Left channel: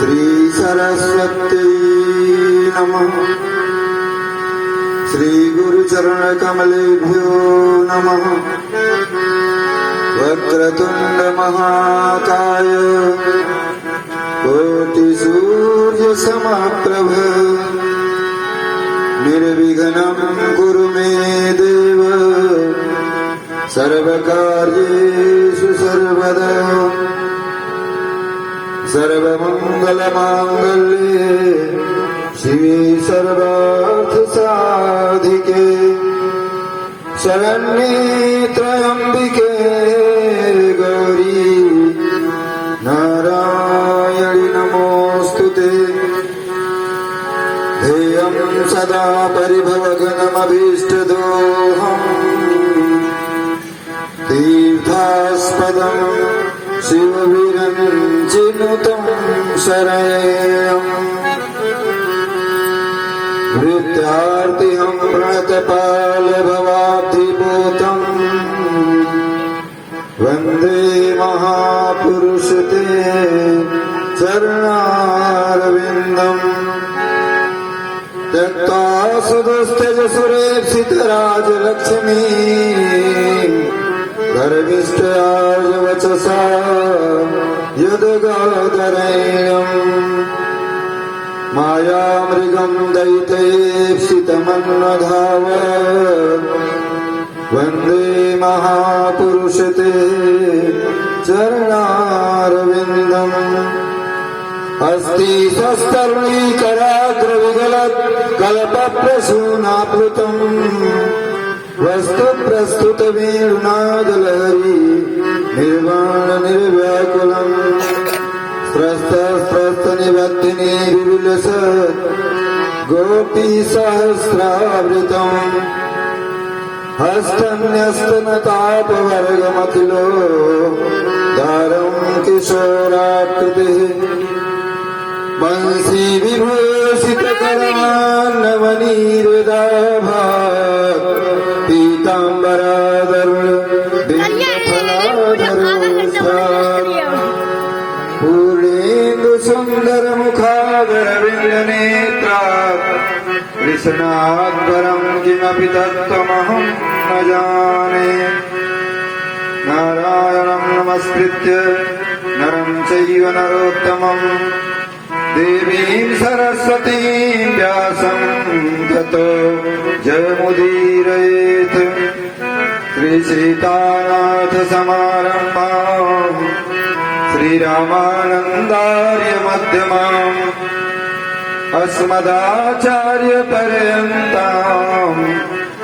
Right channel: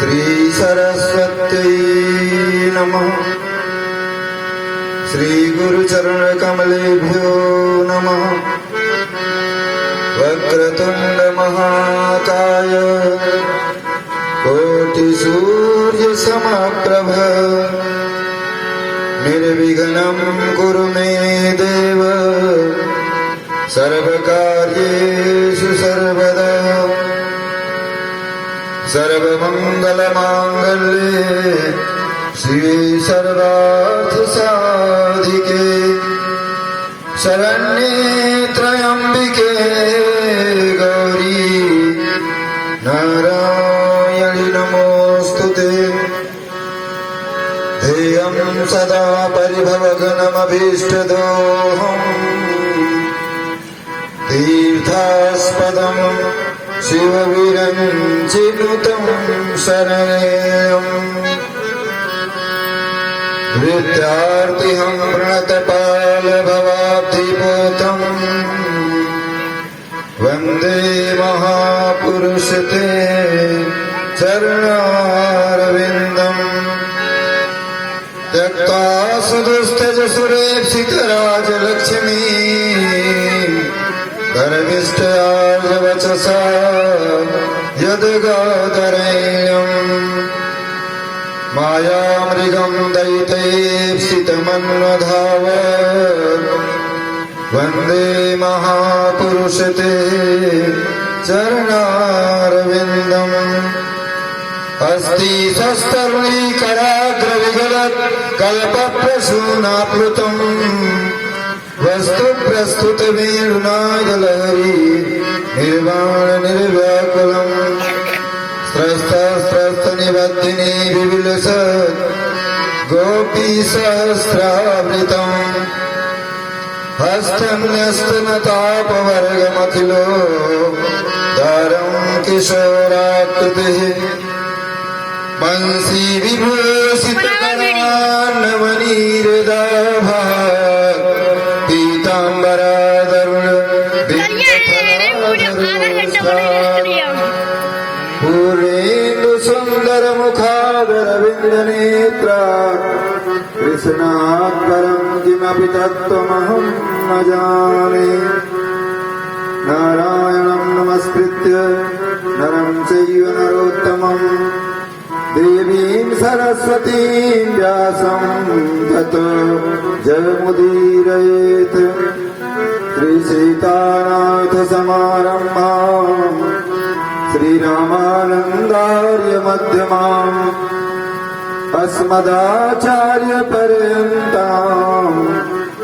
श्री सरस्वत्यै नमः। श्री गुरुचरण कमलेभ्यो नमः। वक्रतुंड महाकाय कोटि सूर्य समप्रभ निर्विघ्नं कुरु मे देव सर्वकार्येषु सर्वदा। सर्वमंगलमांगल्ये शिवे सर्वार्थसाधिके शरण्ये त्र्यंबिके गौरी नारायणि नमोस्तुते। ध्येयं सदा परिभवघनमभीष्टदोहम् तीर्थास्पदम् शिवविरञ्जिनुतं शरणेयम्। भृत्यार्तिहं प्रणतपालभवाब्धिपोतम् वन्दे महापुरुष ते चरणारविन्दम्। त्यक्ता सुदुस्तजसुरेप्सितराजलक्ष्मी गर्विष्ठयार्यवचसा यद्गादरण्यम्। मायामृगं दयितैप्सितमन्वधावत् वन्दे महापुरुष ते चरणारविन्दम्। हस्ति सस्तरुणीकराग्रविगलत् कल्पप्रसूनाप्लुतम् वस्तु प्रस्तुत वेणुनादलहरी निर्वाण निर्व्याकुलम्। स्त्रस्त निबद्धिनी विविलसत् गोपी सहस्रावृतम्। हस्तन्यस्तनतापवर्गमखिलो दारं किशोराकृतिः। बंसी विभूषितकरान्नवनीरदाभात् पीताम्बरादरुण बिम्बफलाधरोष्ठात्। पूर्णेन्दु सुन्दर मुखादरविन्दनेत्रात् कृष्णात् परं किमपि तत्त्वमहं न जाने। नारायणं नमस्कृत्य नरं चैव नरोत्तमं देवीं सरस्वतीं व्यासं ततो जयमुदीरयेत्। श्रीसीतानाथसमारम्भां श्रीरामानन्दार्यमध्यमाम् अस्मदाचार्यपर्यन्तां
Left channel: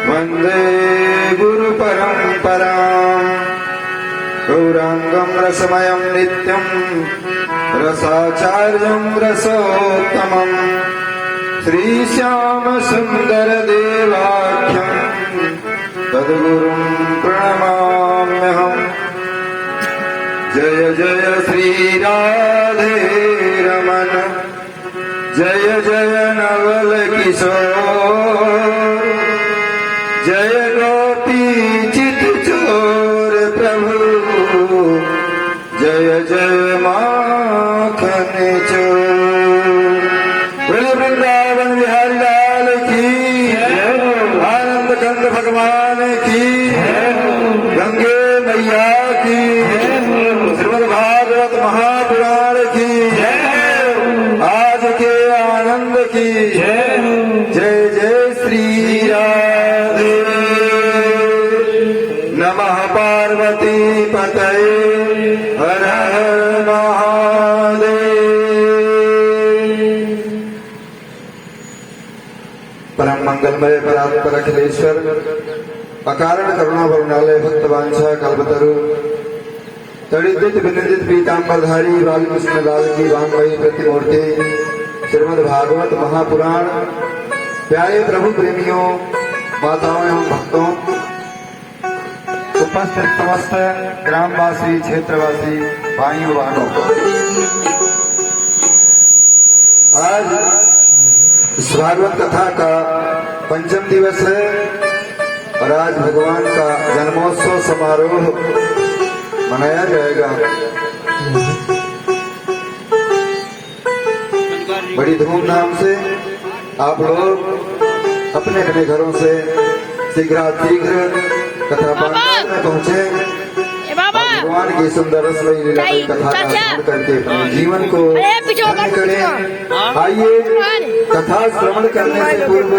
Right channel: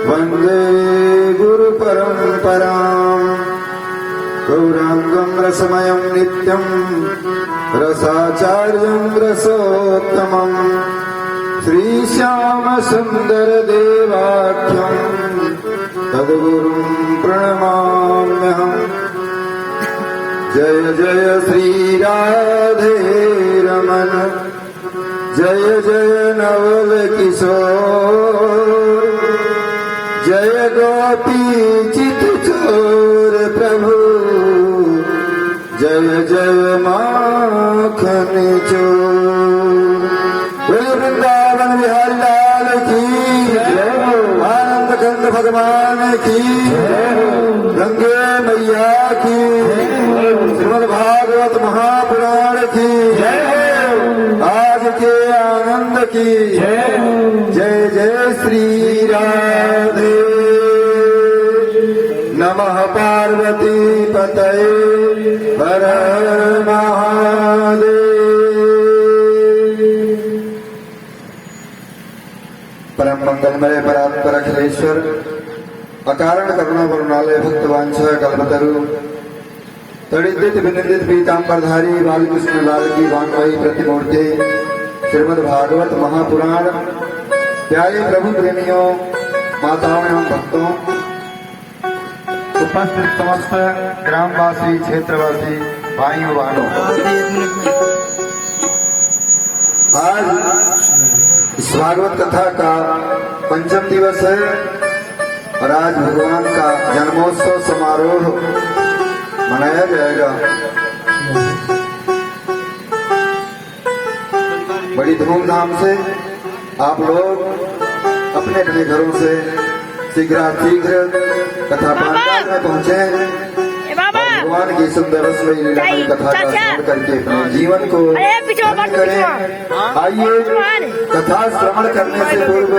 वन्दे गुरुपरम्पराम्। गौराङ्गं रसमयं नित्यं रसाचार्यं रसोत्तमं श्रीश्यामसुन्दरदेवाख्यं तद्गुरुं प्रणमाम्यहम्। जय जय श्रीराधे रमण जय जय नवल किशोर जय गोपी चित चोर प्रभु जय जय माखन चोर। बोले वृंदावन बिहारी लाल की आनंद कंद भगवान की गंगे मैया की श्रीमद् भागवत महापुराण की आज के आनंद की जय जय श्री राधे। नमः पार्वती पतये हर हर महादेव। परम मंगलमय परात्पर अखिलेश्वर अकारण करुणा वरुणालय भक्तवांछा कल्पतरु तड़ित विनिंदित पीताम्बरधारी बालकृष्ण लाल की वांगमयी प्रतिमूर्ति श्रीमद् भागवत महापुराण। प्यारे प्रभु प्रेमियों, माताओं एवं भक्तों, उपस्थित समस्त ग्रामवासी क्षेत्रवासी भाइयों बहनों, आज इस भागवत कथा का पंचम दिवस है और आज भगवान का जन्मोत्सव समारोह मनाया जाएगा। बड़ी धूमधाम से आप लोग अपने अपने घरों से शीघ्र कथा पाठ में पहुंचे। भगवान की सुंदर रसमयी लीला की कथा का श्रवण करके अपने जीवन को धन्य करें। आइए कथा श्रवण करने से पूर्व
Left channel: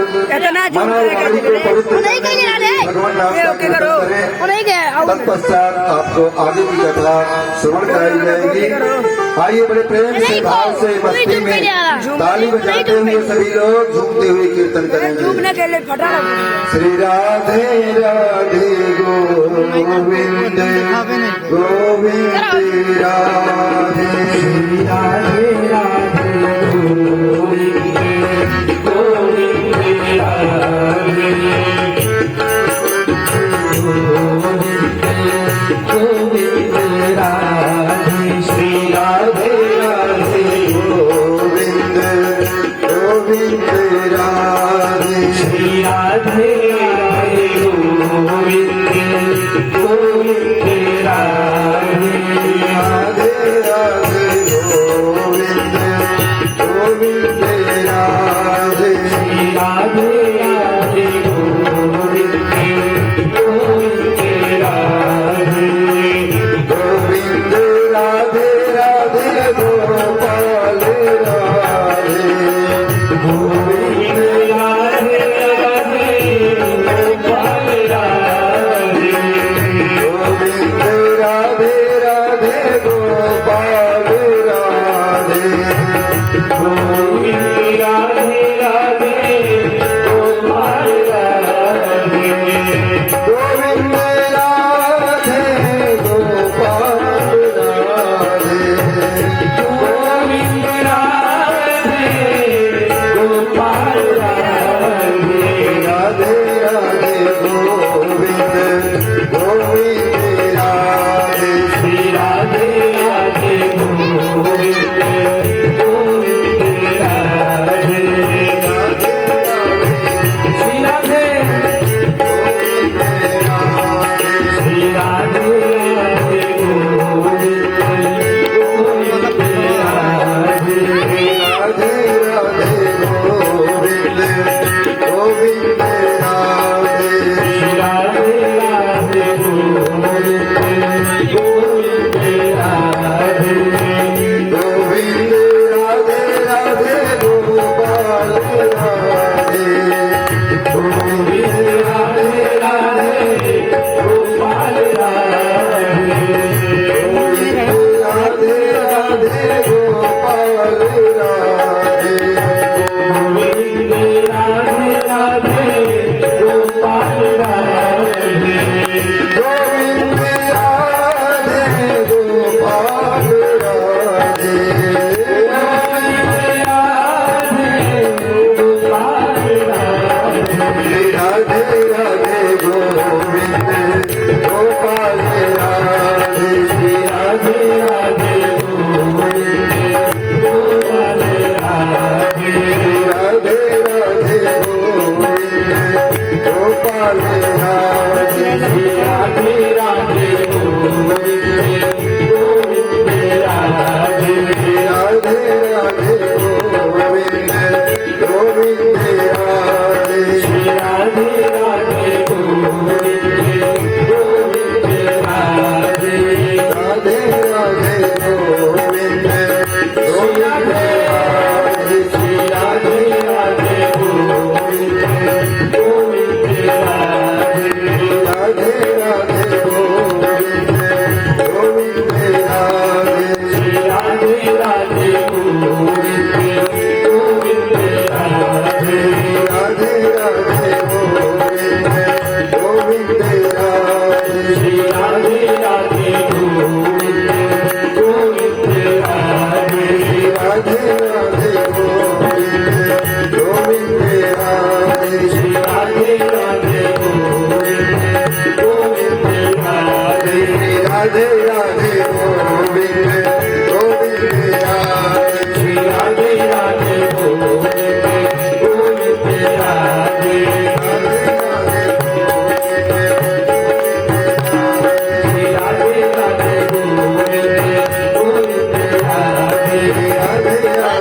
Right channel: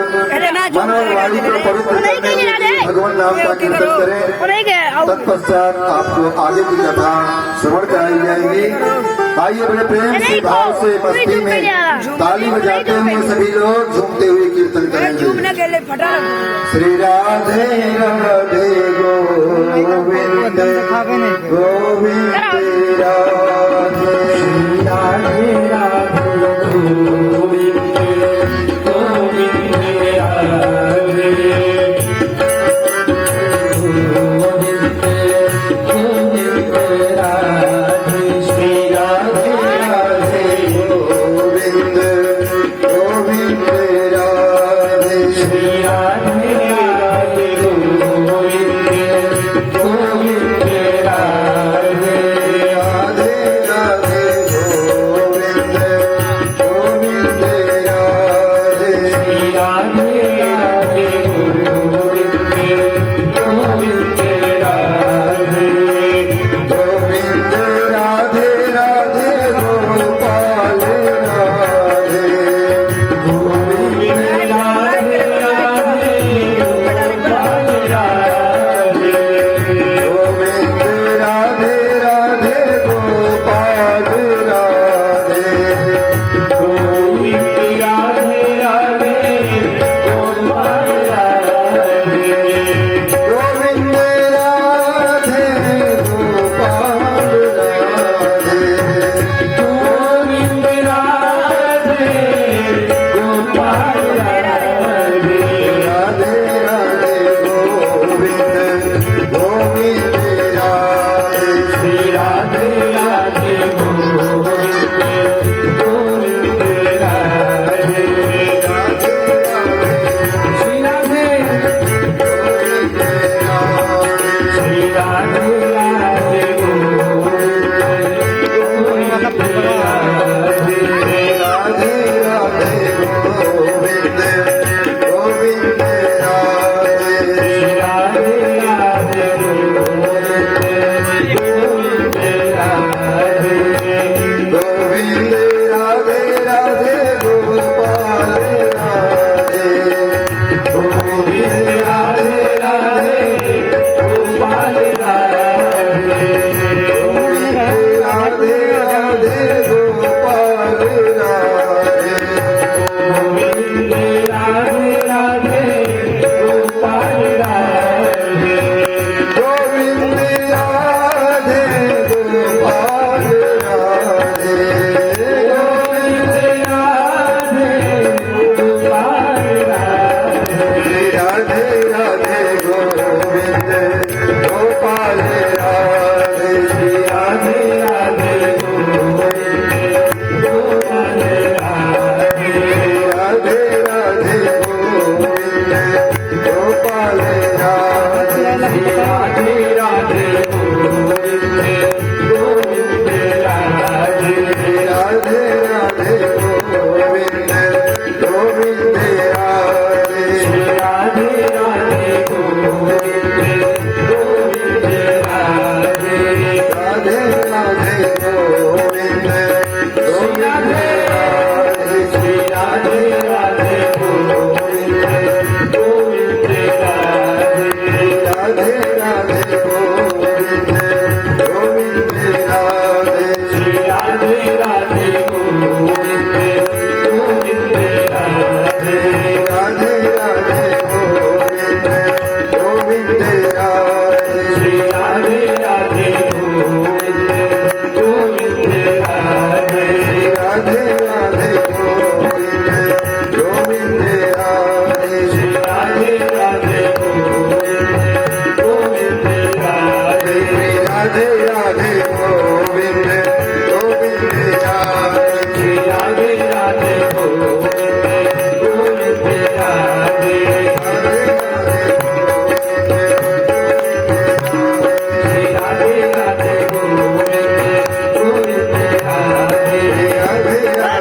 मन और वाणी को पवित्र करके भगवान राम का कीर्तन करें। तत्पश्चात आपको आगे की कथा श्रवण कराई जाएगी। आइए अपने प्रेम से भाव से मस्ती में ताली बजाते हुए सभी लोग झूमते हुए कीर्तन करेंगे। श्री राधे राधे गोविंद गोविंद राधे श्री राधे राधे गोविंद गोविंद राधे गोविंद गोविंद राधे श्री राधे राधे गोविंद गोविंद राधे श्री राधे राधे गोविंद गोविंद राधे राधे राधे गोविंद गोविंद राधे श्री राधे राधे गोविंद गोविंद राधे गोविंद राधे राधे गोपाल राधे गोविंद राधे राधे गोपाल राधे गोविंद राधे राधे गोपाल राधे गोविंद राधे राधे गोपाल राधे गोविंद राधे गोपाल राधे गोविंद राधे गोपाल राधे राधे राधे गोविंद गोविंद राधे श्री राधे राधे गोविंद गोविंद राधे राधे श्री राधे गोविंद राधे श्री राधे राधे गोविंद गोविंद राधे राधे राधे गोविंद गोविंद राधे श्री राधे राधे गोविंद गोविंद राधे गोविंद राधे राधे गोपाल राधे गोविंद राधे राधे गोपाल राधे गोविंद राधे राधे गोपाल राधे गोविंद राधे राधे गोपाल राधे गोविंद राधे गोपाल राधे गोविंद राधे गोपाल राधे राधे राधे गोविंद गोपाल राधे राधे राधे गोविंद गोपाल राधे राधे राधे गोविंद गोपाल राधे राधे राधे गोविंद गोविंद राधे राधे राधे गोविंद गोविंद राधे राधे राधे गोविंद गोविंद राधे राधे राधे गोविंद गोविंद राधे श्री राधे राधे गोविंद गोविंद राधे राधे राधे गोविंद गोविंद राधे श्री राधे राधे गोविंद गोविंद राधे राधे राधे गोविंद गोविंद राधे श्री राधे राधे गोविंद गोविंद राधे राधे राधे गोविंद गोविंद राधे श्री राधे राधे गोविंद गोविंद राधे राधे राधे गोविंद गोविंद राधे श्री राधे राधे गोविंद गोविंद राधे राधे राधे गोविंद गोविंद राधे राधे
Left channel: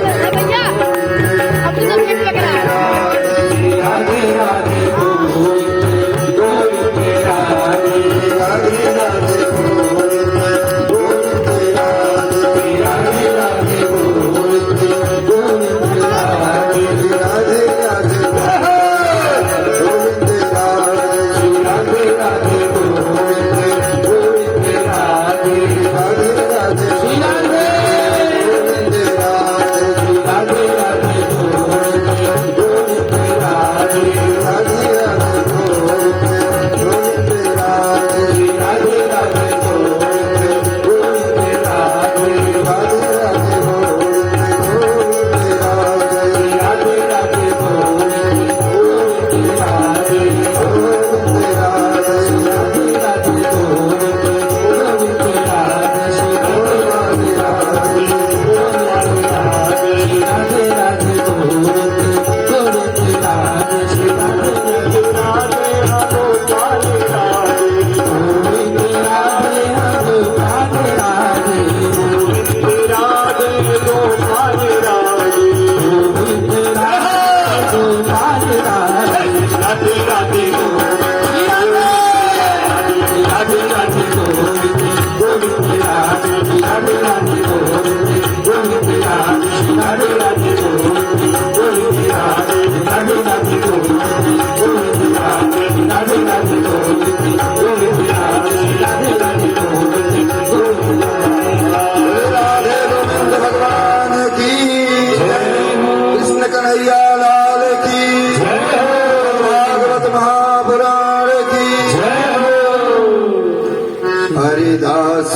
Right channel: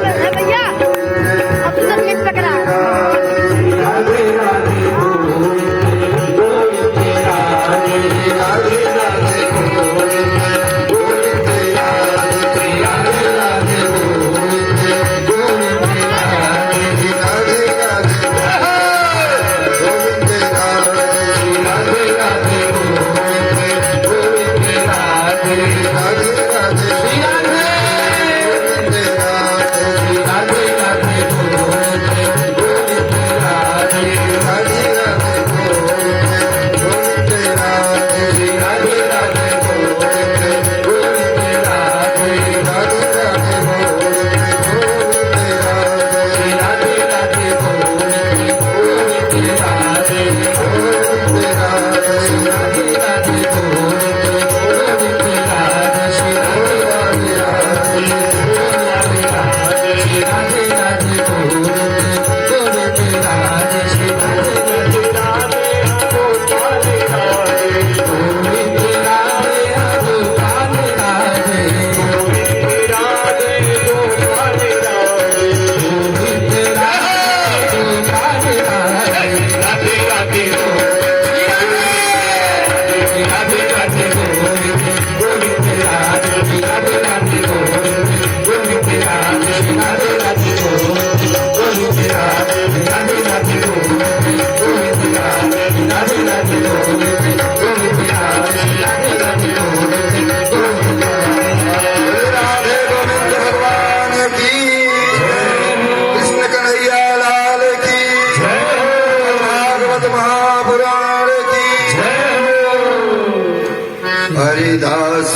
हरिदास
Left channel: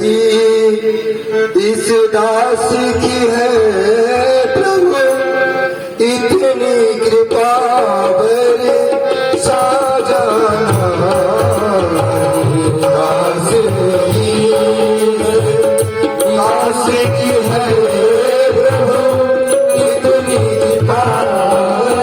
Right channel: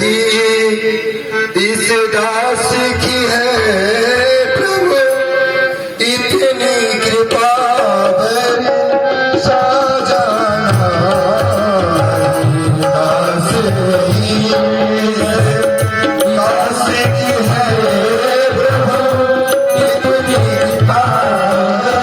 ही इस दास की है प्रभु इतनी कृपा बर साजाना हरिदास ही दास की है प्रभु इतनी कृपा साजाना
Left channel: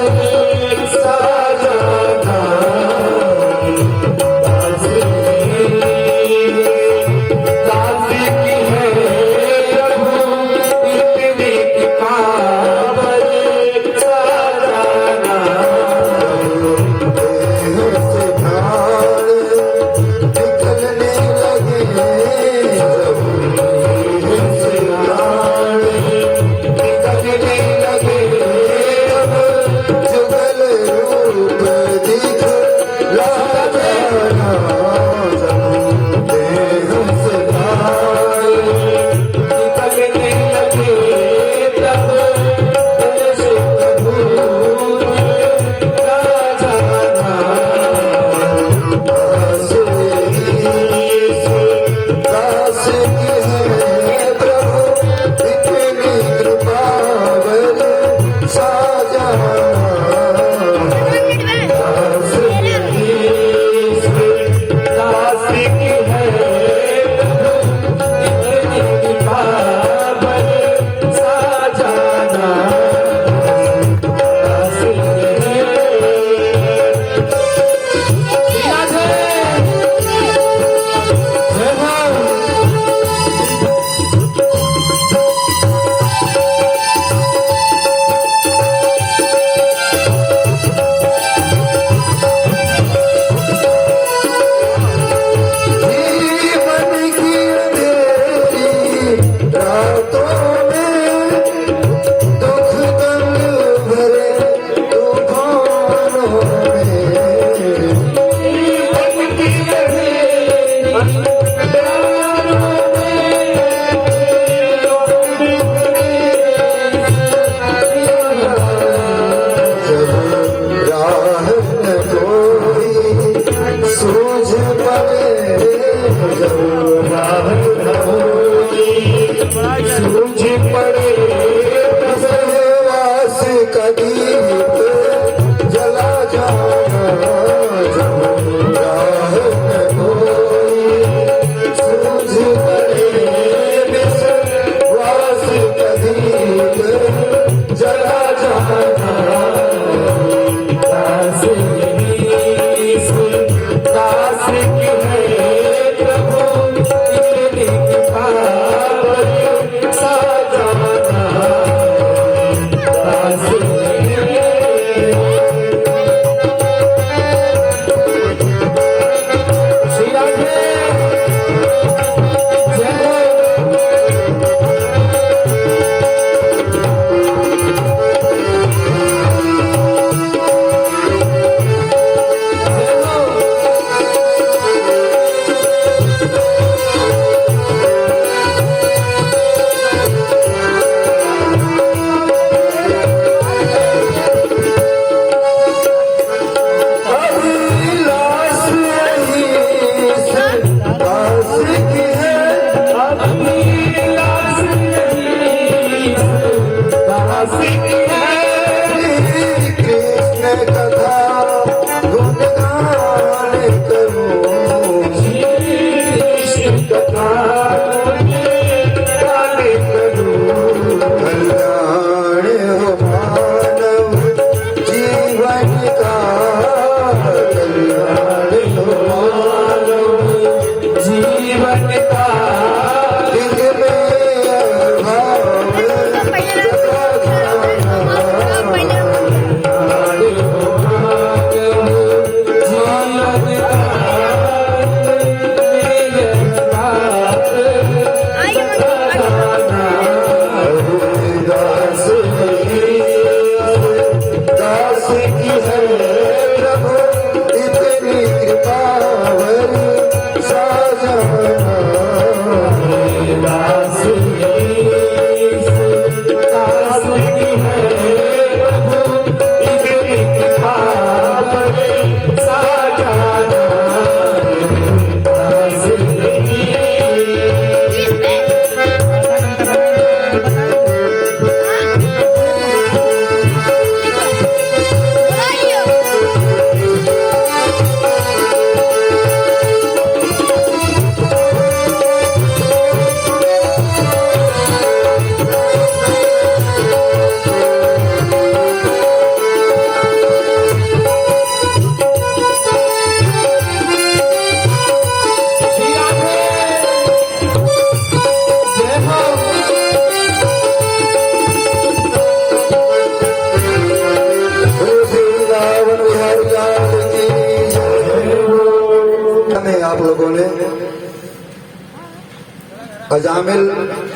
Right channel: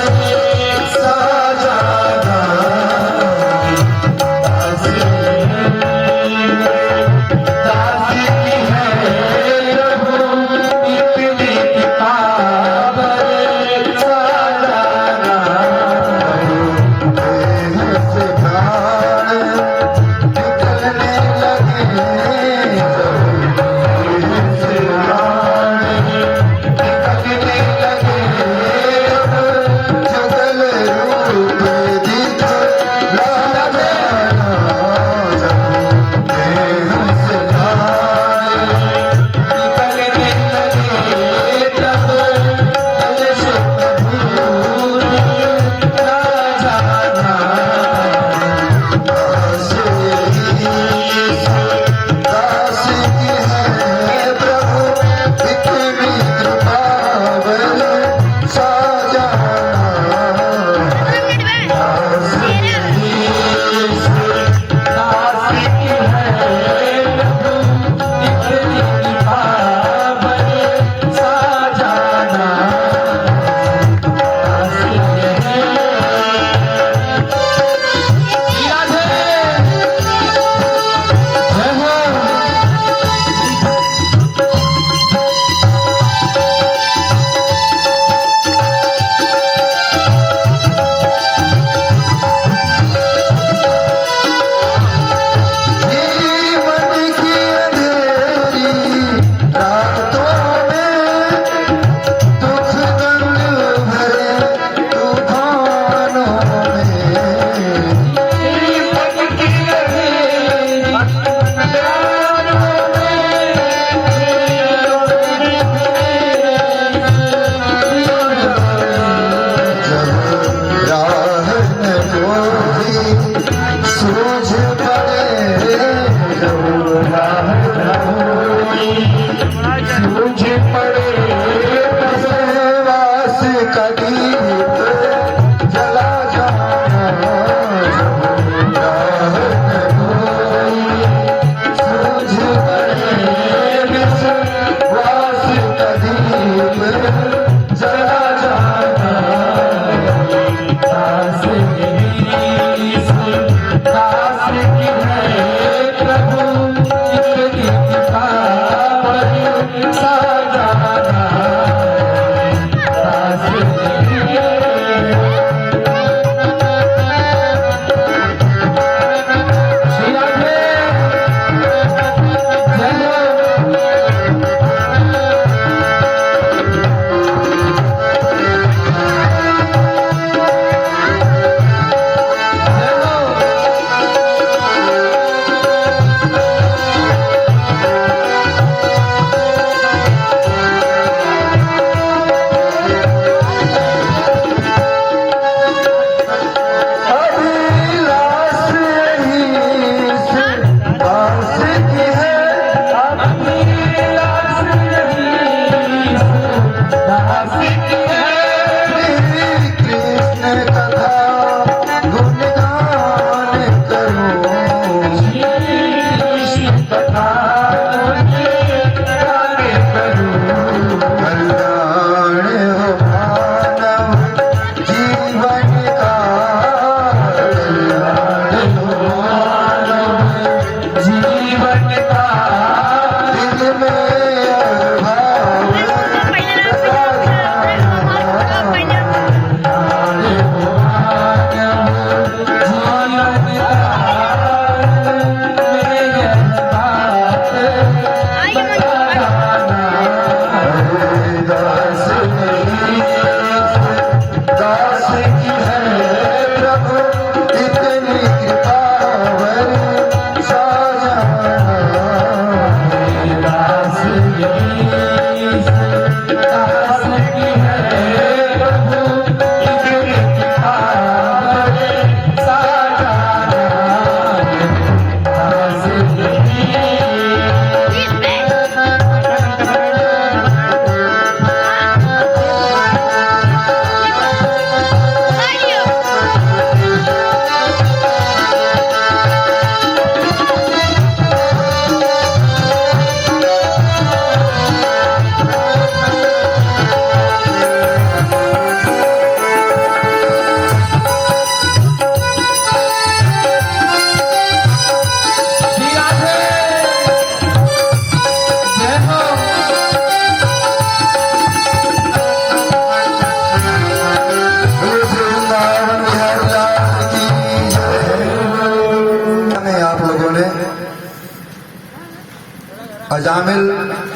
अजामिल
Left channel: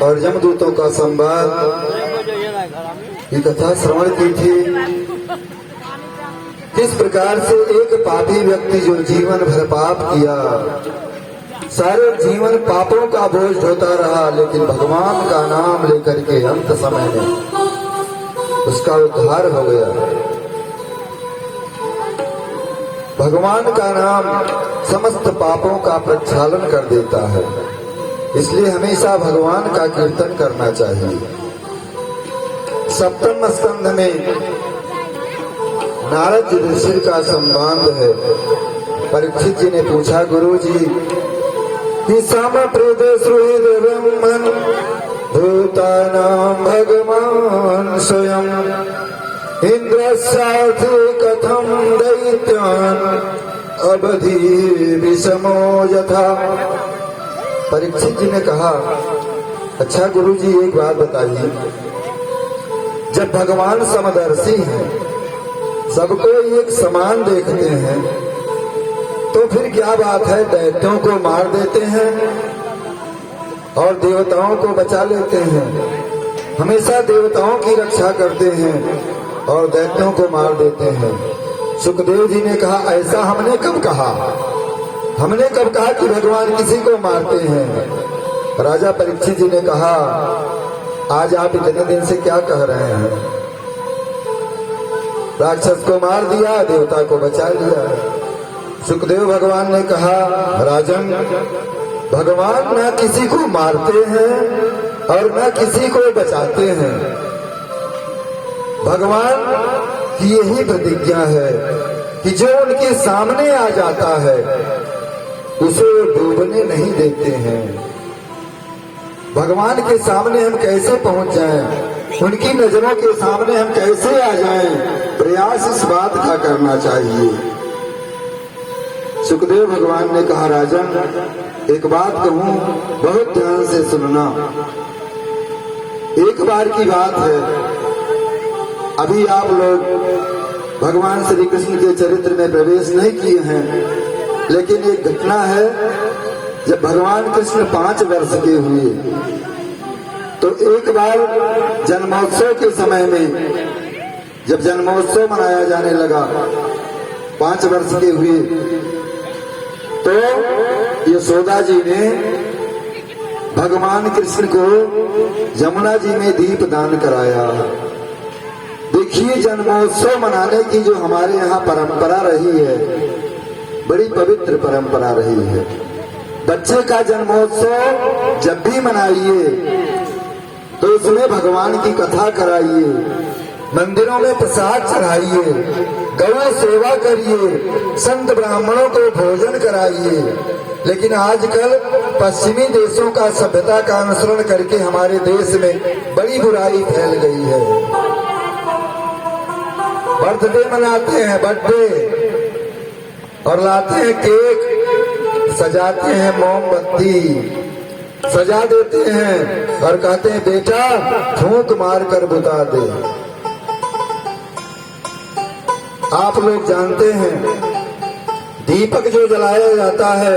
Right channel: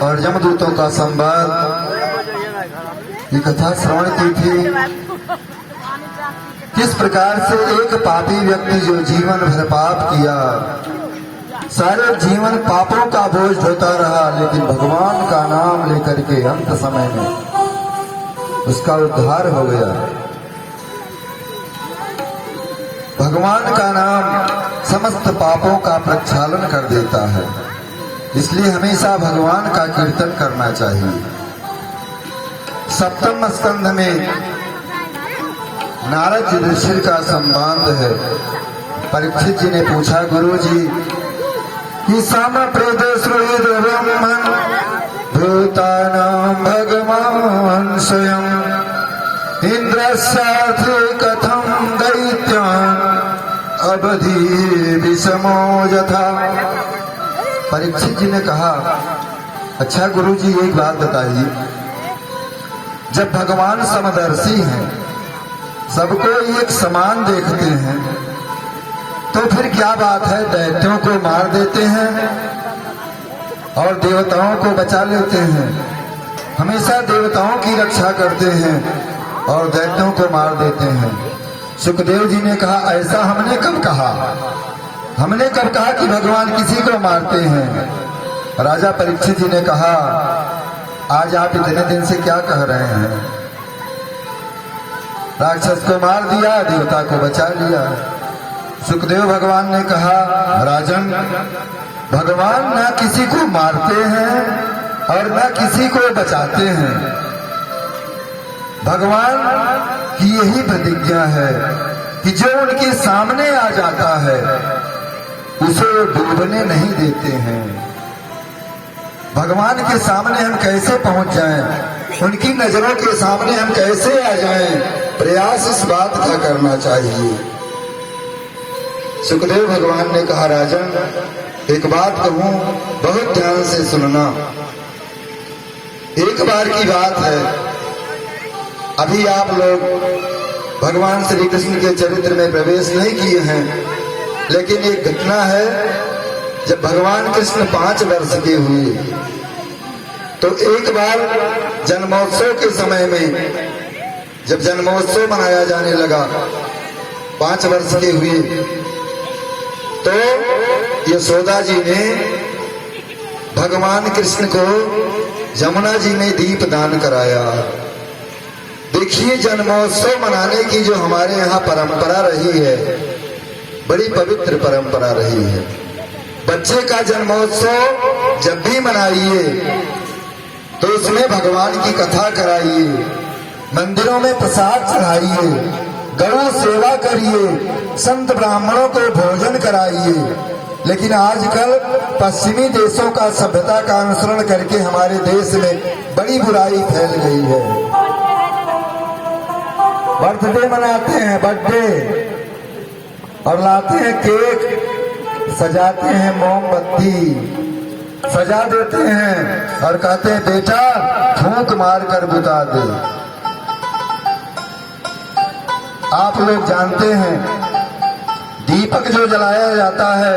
और यमदूतों का संवाद, ये कथा श्रवण की थी। किस प्रकार से एक पापी व्यक्ति जो जीवन भर पाप किया, सारे जीवन पापों का बोझ ढोता रहा, लेकिन भगवान का नाम लेकर के अंत समय में उसका उद्धार हो गया। भगवान का नाम समस्त पापों का प्रक्षालन कर देता है, इसलिए हमेशा भगवान का कीर्तन करना चाहिए। सप्तम स्कंध में नारद युधिष्ठिर का संवाद है। परीक्षित जी ने पूछा, गुरु जी कि भूतानां भगवान स्वयं इंद्रस्यार्थे कथम दैत्यान् अवधि विषमो यथा। परीक्षित जी ने कहा, अच्छा गुरु जी एक बात बताइए, जब भगवान समदर्शी हैं, सबको एक समान देखते हैं, तो फिर क्या बात है दैत्यों को मार देते हैं और देवताओं को बचा लेते हैं। हमेशा देवताओं की रक्षा करते हैं और दैत्यों को मार देते हैं। सुखदेव जी ने कहा, ऐसा हमने कब कहा? हमने कब कहा कि भगवान किसी को मारते हैं? राजा परीक्षित जी ने कहा, आज आप इतने दिन से क्या कह रहे हैं? राक्षस को मार दिया, देवता को बचा लिया। सुखदेव भगवान ने कहा, राजन, भगवान ना किसी को मारते हैं और ना किसी को बचाते हैं। भगवान की यही प्रतिज्ञा है कि जो उनके सामने आ जाता है उसे डूबने नहीं देते हैं। भगवान के सामने हम कैसे पहुंच जाएं, उनकी नजरों के सामने हम कैसे आ जाएं, प्रयास इस बात का करना चाहिए। सुखदेव भगवान ने कहा, राजन एक बात कहूं, बहुत ध्यान से सुनना। एक बार की बात है, अभी आप लोग भगवान श्री कृष्ण के चरित्र में प्रवेश नहीं किए हैं, लेकिन एक घटना है, जब भगवान कृष्ण 5 वर्ष के हुए तो एक बार जन्मोत्सव के समय में, जब जन्मोत्सव मनाया जाने लगा, 5 वर्ष के हुए, तो यशोदा जी ने भगवान कृष्ण को यमुना जी में दीप दान कराया। देखिए, जन्मोत्सव मनाने की जो हमारे यहाँ परंपरा रही है, बड़ी पवित्र परंपरा रही है। बच्चे का जन्मोत्सव जब भी मनाइए तो उसमें भगवान की कथा कराइए, मंदिरों में प्रसाद चढ़ाइए, गौ सेवा करिए, संत ब्राह्मणों को भोजन कराइए। लेकिन आजकल पश्चिमी देशों का सभ्यता का अनुसरण करके हमारे देश में बड़ी बुराई फैल गई है। बर्थडे मनाते हैं, बर्थडे, और लाते हैं केक, सजाते हैं मोमबत्ती, सजा देते हैं और कहते हैं बेटा फूंक मार कर बुता दे। आप लोग जानते हैं, दीपक जो जलाया जाता है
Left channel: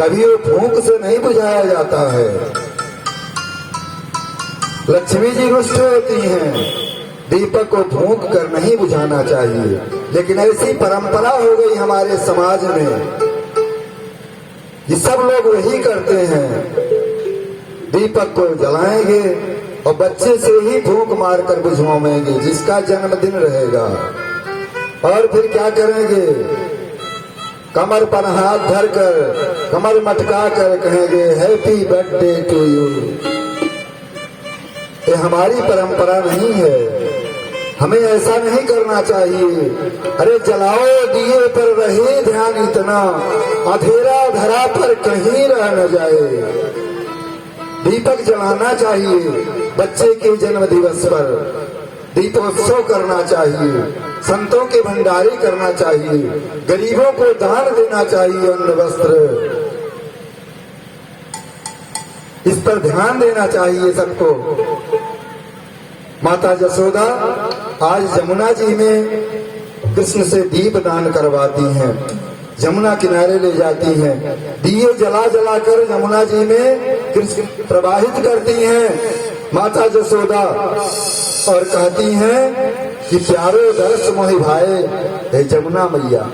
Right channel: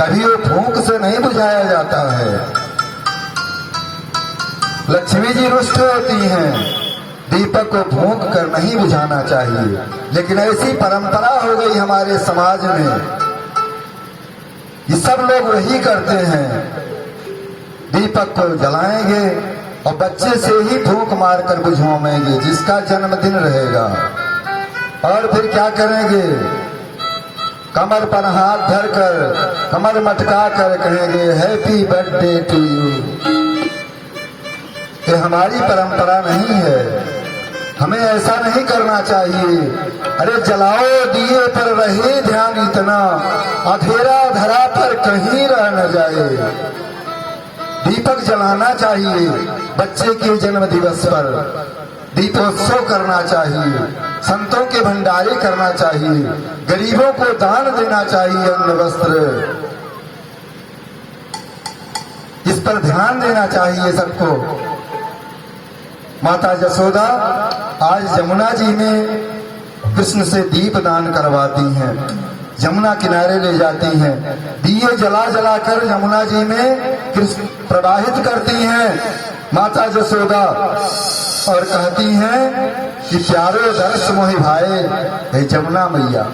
कभी वो फूंक से नहीं बुझाया जाता है। लक्ष्मी जी रुष्ट होती हैं, दीपक को फूंक कर नहीं बुझाना चाहिए, लेकिन ऐसी परंपरा हो गई हमारे समाज में, ये सब लोग वही करते हैं, दीपक को जलाएंगे और बच्चे से ही फूंक मार कर बुझवाएंगे जिसका जन्मदिन रहेगा। और फिर क्या करेंगे, कमर पर हाथ धरकर, कमर मटका कर कहेंगे हैप्पी बर्थडे टू यू। ये हमारी परंपरा नहीं है, हमें ऐसा नहीं करना चाहिए। अरे जलाओ दिए पर रहे ध्यान इतना, अंधेरा धरा पर कहीं रह न जाए। दीपक जलाना चाहिए, बच्चे के जन्म दिवस पर दीपोत्सव करना चाहिए, संतों के भंडारे करना चाहिए, गरीबों को दान देना चाहिए, अन्न वस्त्र, इस पर ध्यान देना चाहिए सबको। माता यशोदा आज यमुना जी में कृष्ण से दीप दान करवाती हैं, यमुना किनारे ले जाती हैं, दिए जला जला कर यमुना जी में प्रवाहित करती हैं माता जसोदा और कहती हैं कि प्यारो दर्श मोहि भाए, हे जमुना मैया।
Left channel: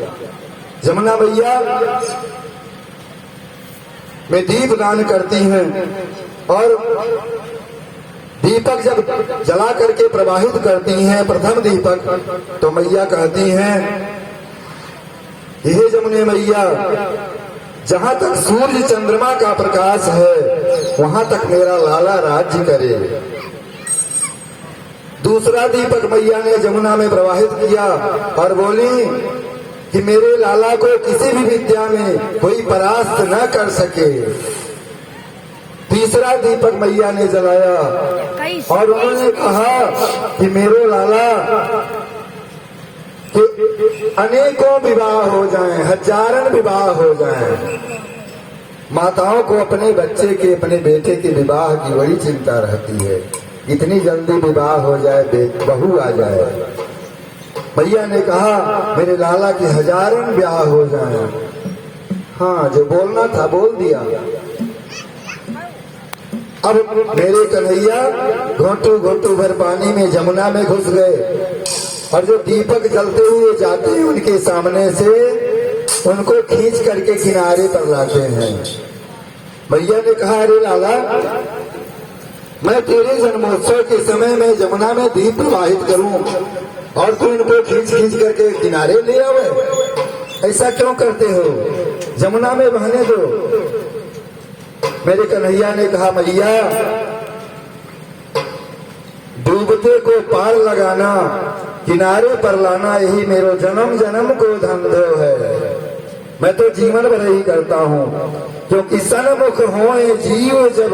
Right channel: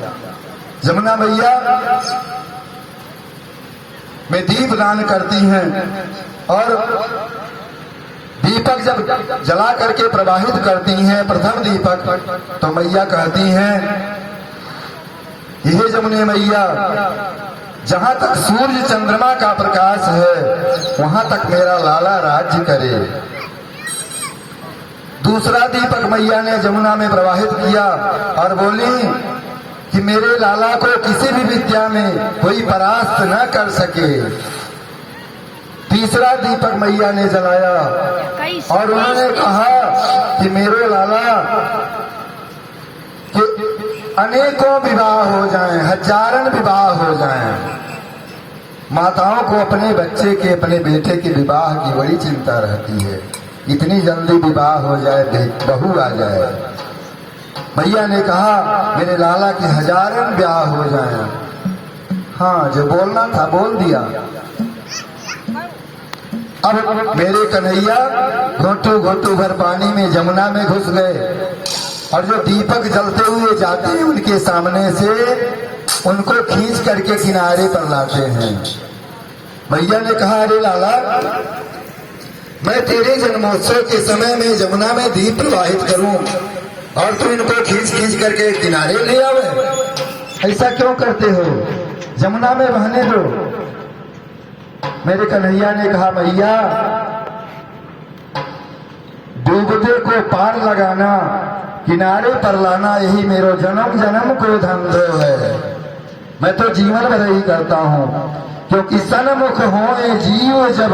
जमुना मैया में दीप दान करती हैं और दीपक जब जला करके प्रवाहित करती हैं प्रथम दीपक, तो मैया कहती हैं, हे जमुने मैया, जहां तक सूर्य चंद्रमा का प्रकाश है वहां तक मेरा लाला राज्य करे। दूसरा दीपक मैया ने जमुना में प्रवाहित किया और बोली कि मेरे लाला को किसी भी विद्या में कोई परास्त न कर सके। तीसरा दीपक मैया ने जलाया और उन्होंने कहा कि मेरे लाला कि अनेकों विवाह हो जाएं, हजारन विवाह हो जाएं। माताओं को अपने बच्चे के, अपने बेटे के विवाह की बड़ी चिंता रहती है, इतनी जल्दी विवाह हो जाए, बहू आ जाए। भैया ने कहा मेरे लाला की हजारन ब्याह हो जाएं। हाँ, जो बोलना था बोल दिया। अब मेरे कन्हैया घोटू घोटू भर पानी में जमुना में घुस गए और जो दीपक जलते हुए जाते हैं उनके सामने से उनको खींच करके किनारे पर लाते हैं। भैया ने कहा, अरे लाला, मैं तेरे जन्मोत्सव के समय में जमुना में दीप प्रवाहित करूं और तू इनको खींच खींच करके किनारे ले आवे, ऐसा क्यों करते हो? जमुना में बहने दो। मेरे कन्हैया ने कहा, मैया, डूबते को पार लगाना, किनारे पर लाना, यही मेरो जन्म जन्म को धंधो है। मैं तो जीवन भर ही करता हूँ, क्योंकि सन्मुख होए जीव जब,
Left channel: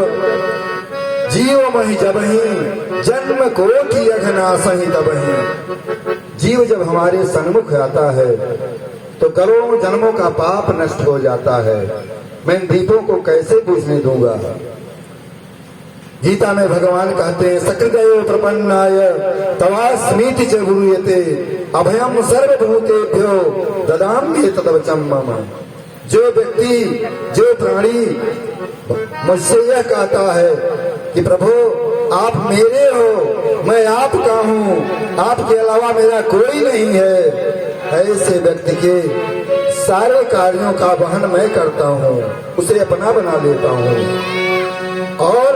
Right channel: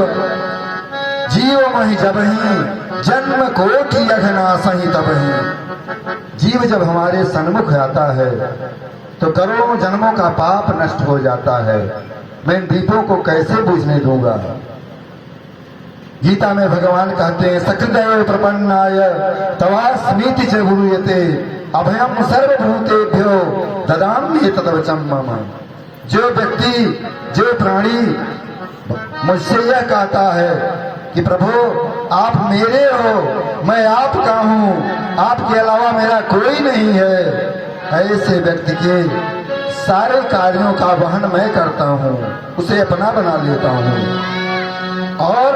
जीव मही जब ही जन्म कोटि अघनाश ही तब ही। जीव जब हमारे सन्मुख आता है तो करोड़ों जन्मों का पाप नष्ट हो जाता है। मैं इन दीपों को कैसे बुझने दूंगा? गीता में भगवान कहते हैं, सकृदयो प्रपन्नाय तवास्मीति च गुरूयते अभयम सर्वभूतेभ्यो ददामि तद्वचम् मम। जो व्यक्ति, जो प्राणी मुझसे यह कहता है कि प्रभु आप मेरे हो, मैं आपका हूँ, आपके अलावा मेरा कोई नहीं है, ऐसे व्यक्ति के सारे कार्यों का वहन मैं करता हूँ, उसे अपना बना लेता हूँ और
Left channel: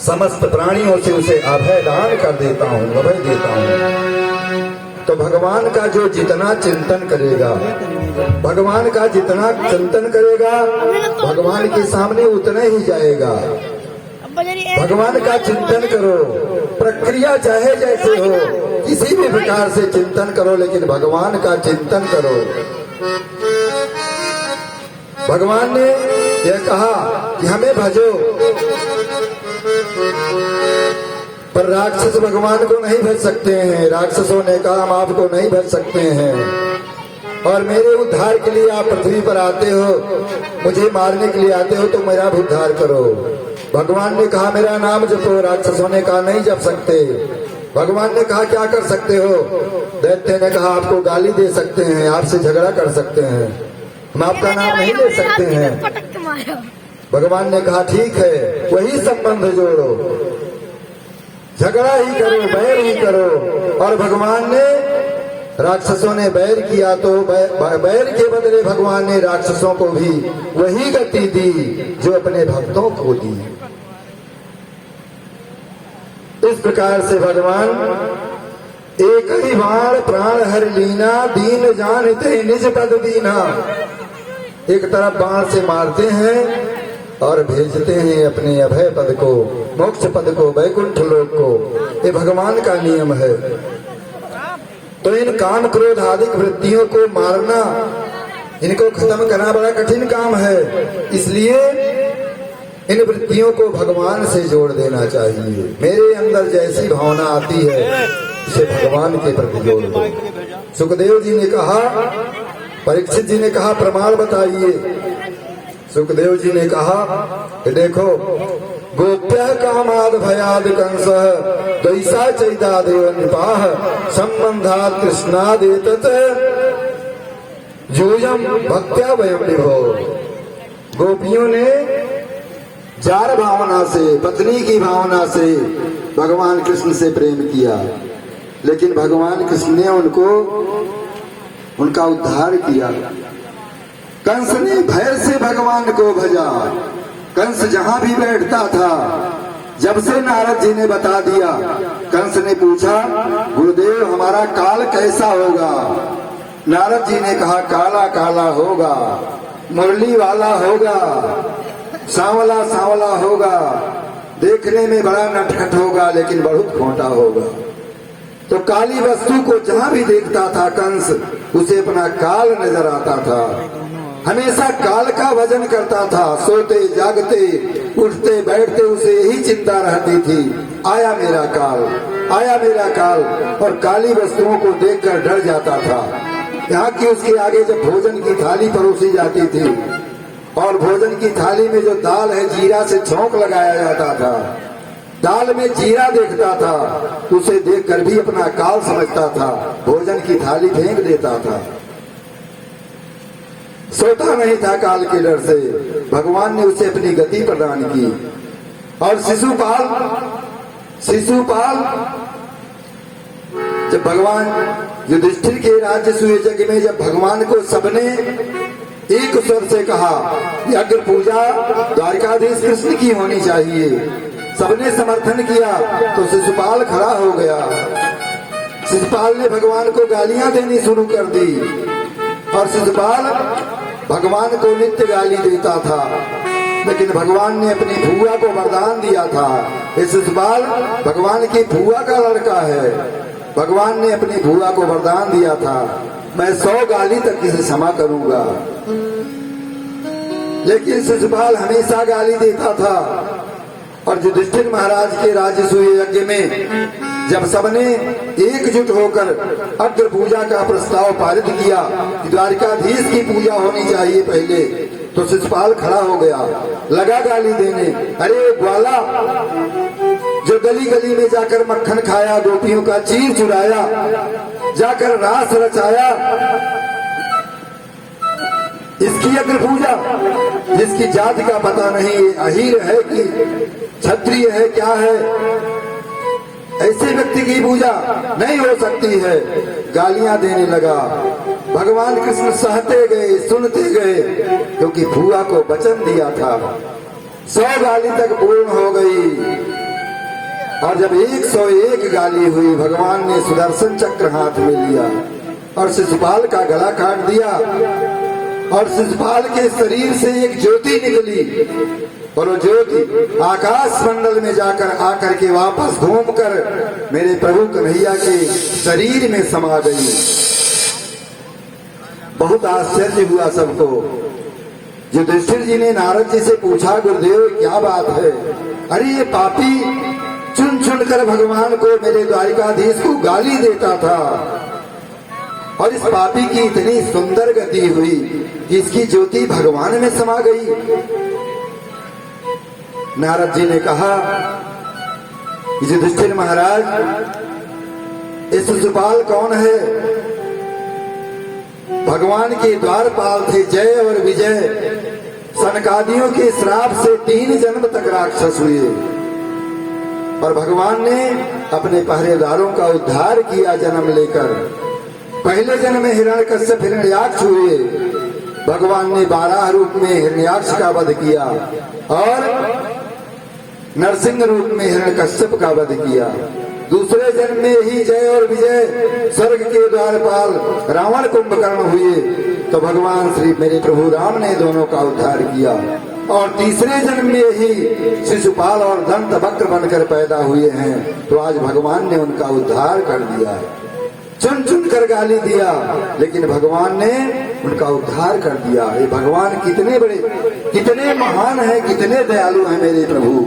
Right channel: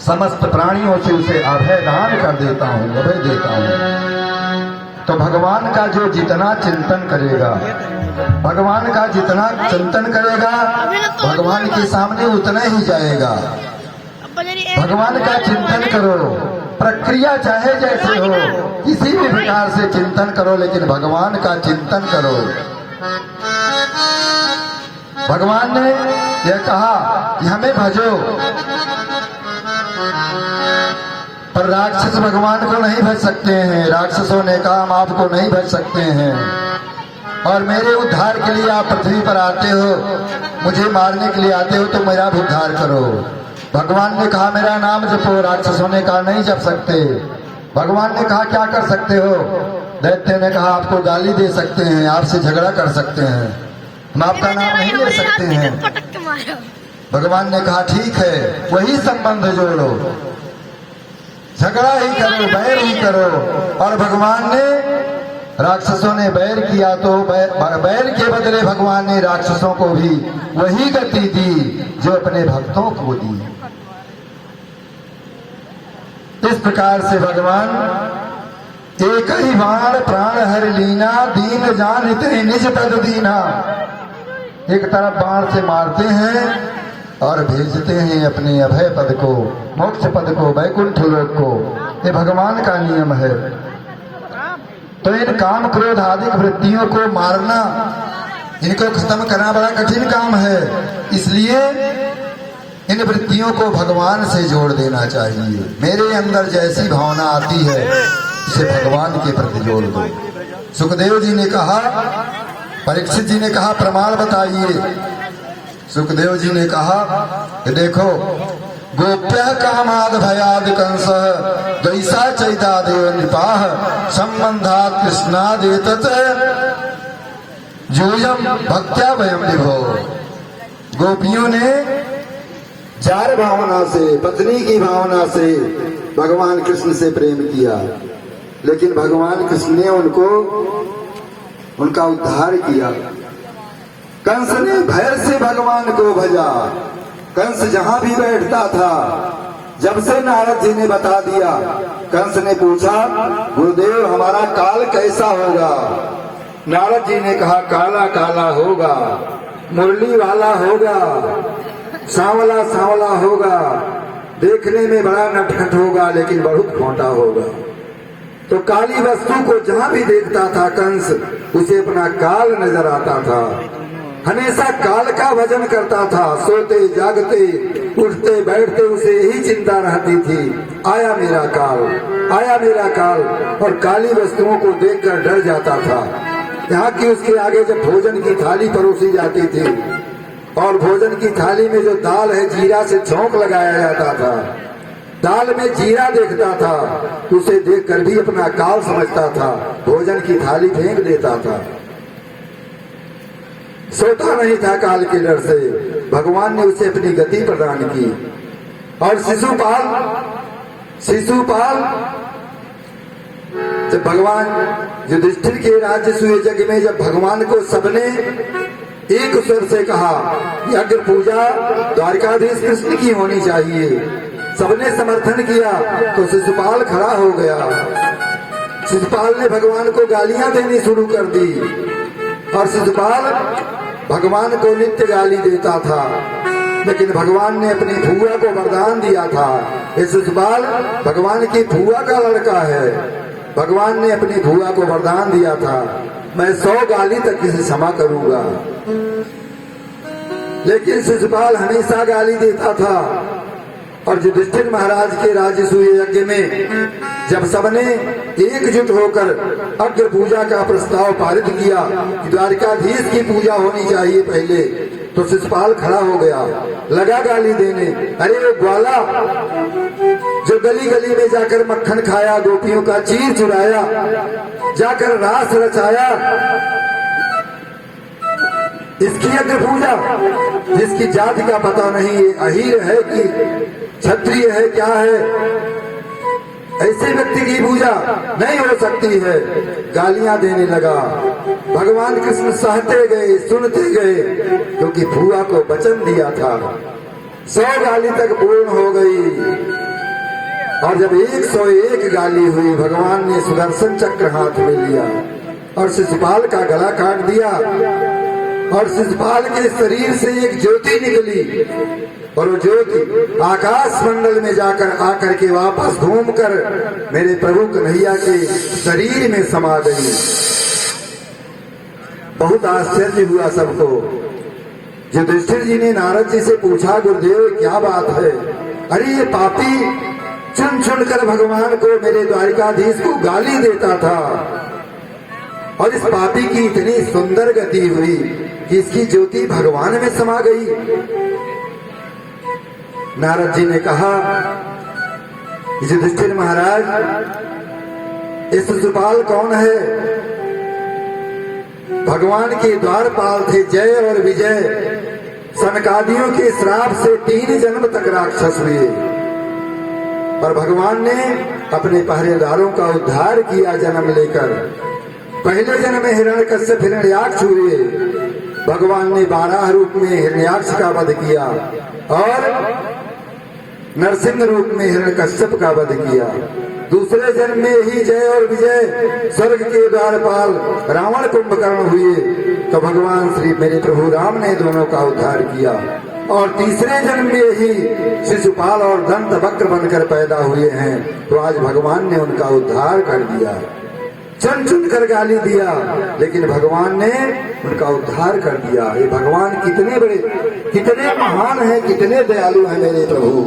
समस्त प्राणियों से उसे अभय दान कर देता हूँ, अभय देता हूँ। तो भगवान का जो जितना चिंतन करेगा, भगवान का जितना चिंतन करेगा, भगवान के सामने उतना ही जाएगा। भगवान का चिंतन करो, प्रक्रिया चाहे जैसे हो, किसी भी प्रकार से चिंतन करो, लेकिन भगवान का चिंतन करो। भगवान ने यह कहा कि हमें भजो, पर राक्षस भगवान को नहीं भज सकते हैं। राक्षसों ने कहा हम आपको नहीं भज सकते हैं और मेरे उद्धार के लिए आप पृथ्वी पर आते हो, मुझे मारने के लिए आते हो, तो मेरा भी उद्धार करो। भगवान ने कहा मेरा नाम जपो। राक्षसों ने कहा नहीं जप सकते। भगवान ने कहा क्या कर सकते हो? दैत्य ने कहा आपको गाली दे सकते हैं, आपसे झगड़ा कर सकते हैं, हम आपका नाम नहीं ले सकते हैं। भगवान ने कहा ठीक है, वही संबंध जोड़ो, झगड़ा ही करो, बैर ही करो। और भगवान ने, राक्षसों ने बैर किया तो बैर के बदले भगवान ने राक्षसों को भी वही गति दी जो अपने भक्तों को दी। इस प्रकार से भगवान एक ही बाण प्राण हर लीना, दीन जानते निज तद दीना। एक तरफ बाण से मारते हैं और भेजते हैं अपने अभय पद को, मोक्ष पद को, वैकुंठ लोक को। ये भगवान का नियम है। तो इन काम क्रोध आदि वृत्तियों को मारना, इनको खत्म करना बड़ा कठिन काम है। इसलिए इन वृत्तियों को भगवान से जोड़ देना चाहिए। मेरे अंदर जैसी भावना आती है इसे भगवान के प्रति जोड़ दो। सुखदेव जी ने कहा, परीक्षित जी ने कहा प्रमाण बताइए। सुखदेव जी ने कहा कि देखो, गोप्य कामाद भयाद कंस दैसा चैता देव निपाह संबंधात कृष्णादेतत यूयम भक्त्या वयम विभो। गोपियों ने चार भावना से, पत्नी की भावना से भगवान कृष्ण से प्रेम किया, लेकिन भगवान कृष्ण ने उनका उद्धार किया। कंस ने भय से भगवान को भजा। कंस जहां भी बैठता था, जब से नारद जी ने बता दिया, कंस ने पूछा, गुरुदेव हमारा काल कैसा होगा? नारद जी ने कहा, काला काला होगा, मुरली वाला होगा, सांवला सांवला होगा, देखने में बड़ा नटखट होगा, लेकिन बहुत खोटा होगा। तो काली वस्तु को जहां भी देखता था कंस, उसे अपना काल नजर आता था। हमेशा काल का भजन करता था। सोते जागते उठते बैठते उसे यही चिंता रहती थी, आया मेरा काल, आया मेरा काल। और काली वस्तुओं को देखकर डर जाता था। यहाँ की उसके आगे जब भोजन की थाली परोसी जाती थी और भोजन की थाली में जो दाल है, जीरा से छौंक लगाया जाता था, दाल में जीरा देखता था, उसे देखकर भी अपना काल समझता था, भोजन की थाली फेंक देता था। सोता नहीं था काल के डर से। भगवान ने उसे अपनी गति प्रदान की। और शिशुपाल जब भगवान युधिष्ठिर के राज्य सूय यज्ञ में जब भगवान को सबने एक स्वर से कहा कि अग्र पूजा द्वारकाधीश कृष्ण की होनी चाहिए, सबने समर्थन किया, तो शिशुपाल खड़ा हो गया। शिशुपाल ने भगवान को गालियां देनी शुरू कर दी और शिशुपाल भगवान को नित्य गाली देता था, लेकिन भगवान ने अपनी भुआ को वरदान दिया था। ये शिशुपाल भगवान की भुआ का लड़का है। भगवान ने अपनी भुआ को वरदान दिया था, मैं 100 गाली तक इसे क्षमा करूंगा। लेकिन शिशुपाल हमेशा गाली देता था। और युधिष्ठिर महाराज के राजसूय यज्ञ में जब सबने एकजुट होकर अग्र पूजा का प्रस्ताव पारित किया कि द्वारकाधीश की पूजा होनी चाहिए पहले, तो शिशुपाल खड़ा हो गया, लगा गाली देने, अरे ग्वाला, जो गली गली में जाकर मक्खन खाया, गोपियों का चीर चुराया, जाकर रास रचाया, इसकी अग्र पूजा, जिसकी जाति का पता नहीं, अहीर है कि क्षत्रिय है, क्या है, ऐसे व्यक्ति की पूजा नहीं हो सकती है। गालियां देने लगा। भगवान कृष्ण सहते गए, सुनते गए, क्योंकि भुआ को वचन दिया था। 100 गाली तक पूर्ण हो गई। और जब 101 गाली हुई, भगवान ने सुदर्शन चक्र हाथ में लिया और शिशुपाल का गला काट दिया। और शिशुपाल के शरीर से एक ज्योति निकली और वो ज्योति आकाश मंडल में जाकर आकर के वापस घूमकर मेरे प्रभु कन्हैया के शरीर में समा गई। बहुत आश्चर्य हुआ सबको। युधिष्ठिर जी ने नारद जी से पूछा, गुरुदेव क्या बात है? अरे ये पापी चुन चुन कर भगवान को, मेरे द्वारिकाधीश को गाली देता था, और इस पापी की इतनी सुंदर गति हुई कि इसकी ज्योति भगवान में समा गई। नारद जी ने कहा, युधिष्ठिर महाराज, इस शिशुपाल कौन है? भगवान के द्वारपाल थे, जय और विजय। सनकादियों के श्राप से 3 जन्म तक राक्षस हुए, और भगवान ने अपने पहरेदारों का उद्धार किया जन्म लेकर। पहले जन्म में हिरण्यकश्यप हिरण्याक्ष हुए, भगवान ने 12 रूप में हिरण्याक्ष का वध किया और नरसिंह रूप में हिरण्यकश्यप का वध किया। दूसरे जन्म में ही जय और विजय स्वर्ग के द्वारपाल रावण कुंभकर्ण हुए, तो भगवान श्री मेरे प्रभु राम ने दोनों का उद्धार किया। और तीसरे जन्म में ही शिशुपाल और दंत वक्र बनकर पैदा हुए हैं, तो आज भगवान ने उनका उद्धार कर दिया। चुन चुन कर गाली दिया, लेकिन भगवान ने उनका उद्धार कर दिया। ये भगवान कितने बड़े, कितने महान हैं, कितने दयालु हैं मेरे प्रभु।